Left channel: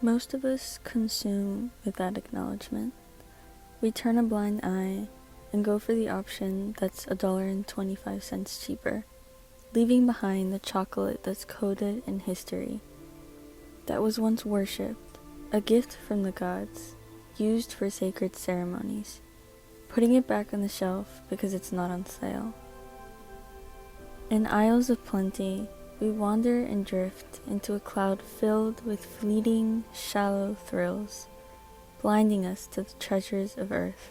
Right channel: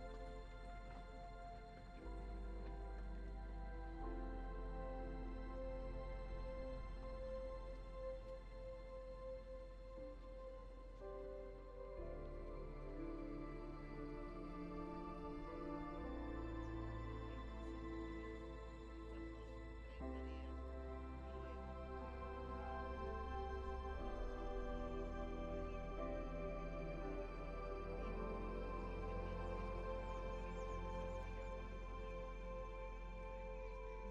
Most of us consume without acknowledgement. We turn a blind eye and go for the option that's $1.25 cheaper, leaving behind the chocolate that's coded in history, that was once worshipped, a gift from the gods, used for sacred ceremonies, putting it back on the shelf because it's not on sale. In aisles of plenty, we wander and drift into a cloud filled with fleeting, shallow thrills, blinding us to the treasures of earth.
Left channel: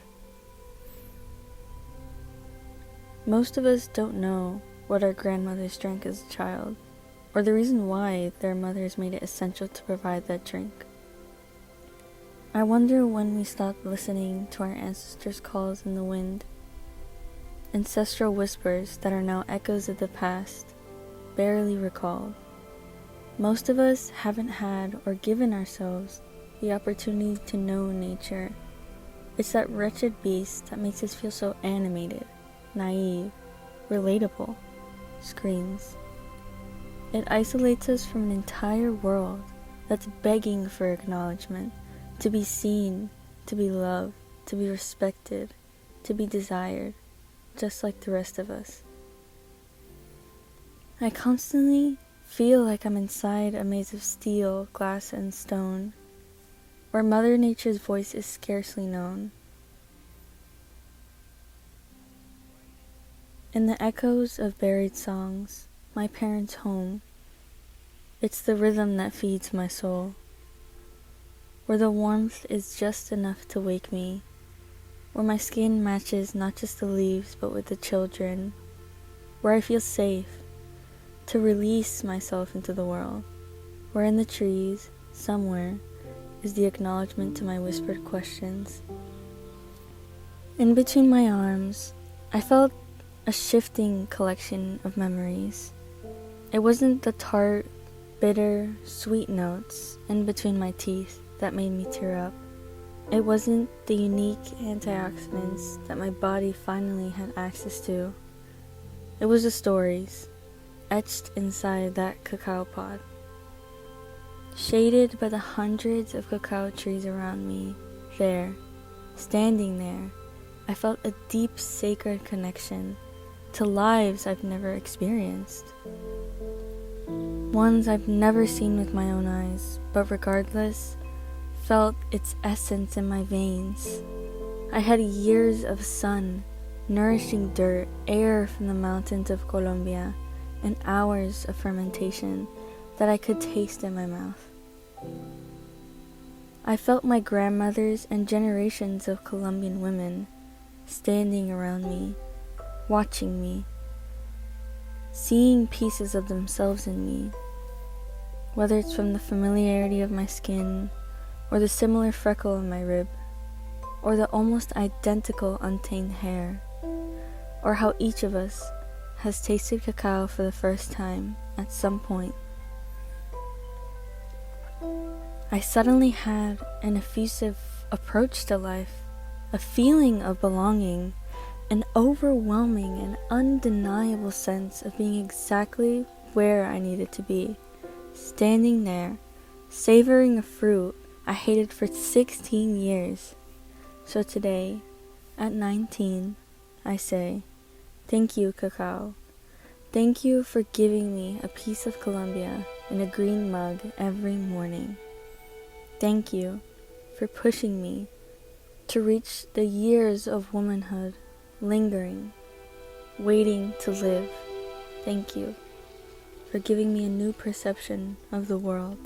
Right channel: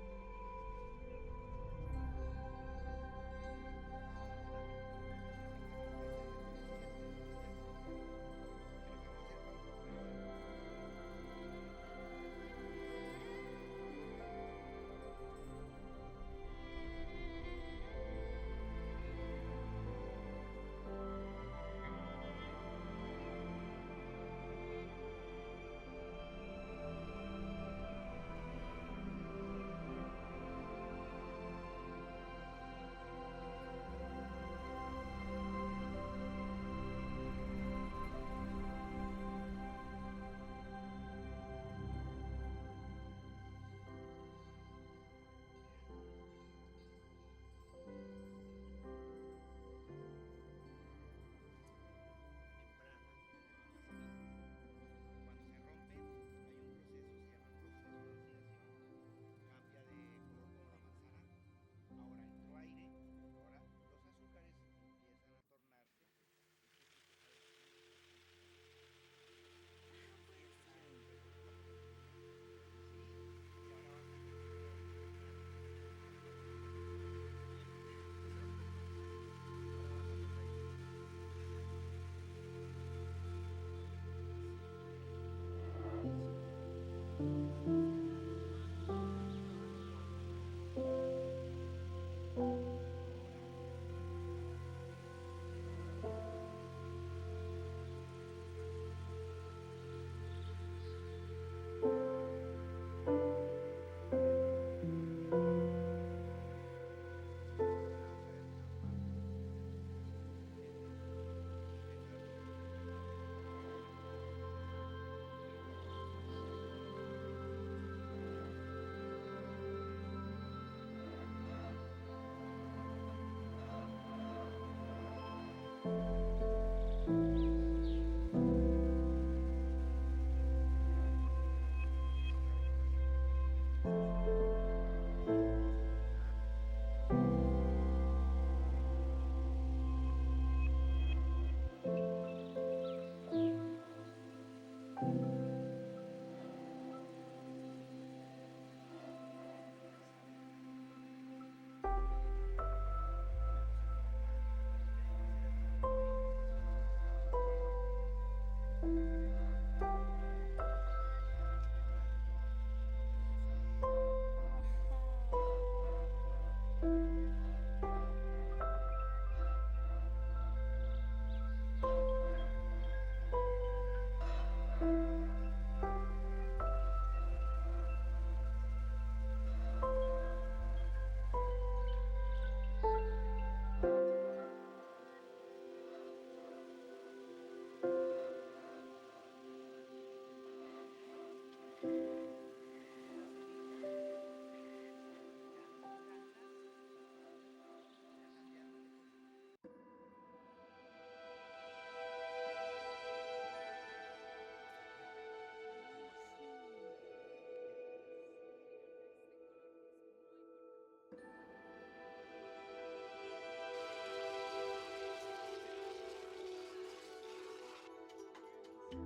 Most of us don't know what our grandmothers drank as a child, or the reason why their mothers made it essential to provide that drink. I wonder when we stopped listening to our ancestors' calls in the wind, ancestral whispers that are now echoes of the past, barely recalled. Most of us haven't had or given ourselves the opportunity to know nature. It's that wretched beast that makes us feel so animated, naive, relatable, screams. It isolates us from an entire world that's begging for acknowledgement, to be seen, to be loved, to be respected, to be desired, just like the rest of us. I constantly feel like I'm inside a maze of steel, glass, and stone, where Mother Nature's voice is scarcely known. In the echoes of buried songs, my parents' home, it's the rhythm that feeds my soul, where the warmth is just enough to wake me, where my skin matches not just the leaves but with the children, where I feel safe to release myself into the world, where in the trees, somewhere, is the acknowledgement to my whispered questions. In between my arms, I felt a shifting collection of memories. It wasn't the tart, bitter, sweet notes in between my teeth that made me tear up. It wasn't the unique antioxidants that my body finally had access to. It was the stories etched inside that cacao pod. Shaded by the hundreds of cacao trees around me, there, standing there, I felt a deep sacred connection to lives I've never experienced. Ones I've never seen with my own eyes, but regardless, felt its essence in my veins. I had years of sun, nourishing dirt, air from the mountains of Colombia, and hours of fermentation that I could taste in my mouth. I felt my grandmothers and generations of Colombian women standing around me, watching me, seeing pieces of themselves in me, whether it's from the familiarity of my skin, or the similar freckle in my rib, or the almost identical untamed hair, or how each of us has tasted cacao for the first time at some point. I suddenly had an effusive approach to life, a feeling of belonging, an overwhelming and undeniable sense of being exactly where I needed to be, standing there, savoring a fruit I hated for 16 years. So today, at 19, I say, thank you, cacao. Thank you for giving me a piece of Colombia in a green mug every morning. Thank you for pushing me to reach the years of womanhood, lingering, waiting to live. Thank you for giving me a new perception of the world.